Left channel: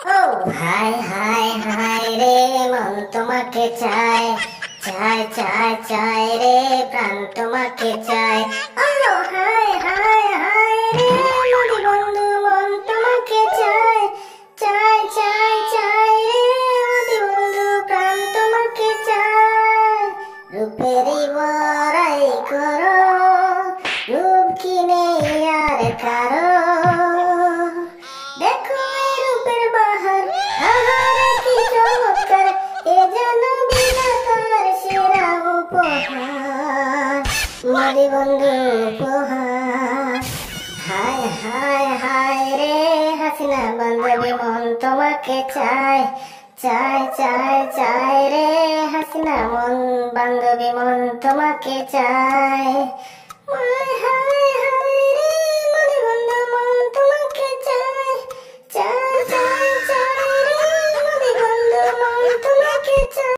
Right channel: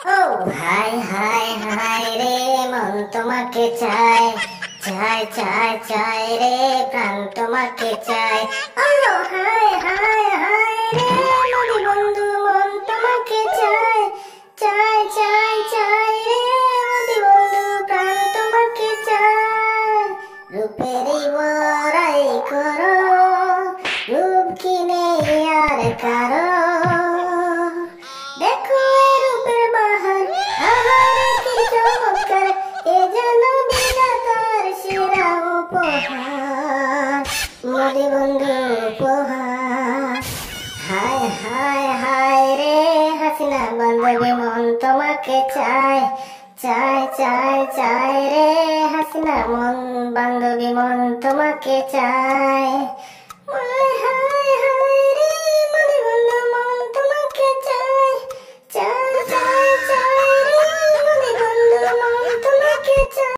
ও হায় হায় হায় রে, মন তোমাকে চায়, চায় চায় চায় রে, প্রাণ তোমাকে চায়। ও হায় হায় হায় রে, মোদি বন্ধু মন তোমাকে চায়, চায় চায় চায় রে, মোদি বন্ধু প্রাণ তোমাকে চায়। রূপেরই বড়াই করো, রূপ কিনে আর কারো, দেখো এ রূপের বাহার, আহারে কি চমৎকার, এ যেন বিধাতার সেরা উপহার, মোদি বন্ধু উপহার। হায় হায় হায় রে, হাসিনা বান্ধবী মন তোমাকে চায়, চায় চায় চায় রে, হাসিনা মন বান্ধবী মন তোমাকে চায়। হায় হায় হায় রে, মোদি বন্ধু মন তোমাকে চায়, চায়।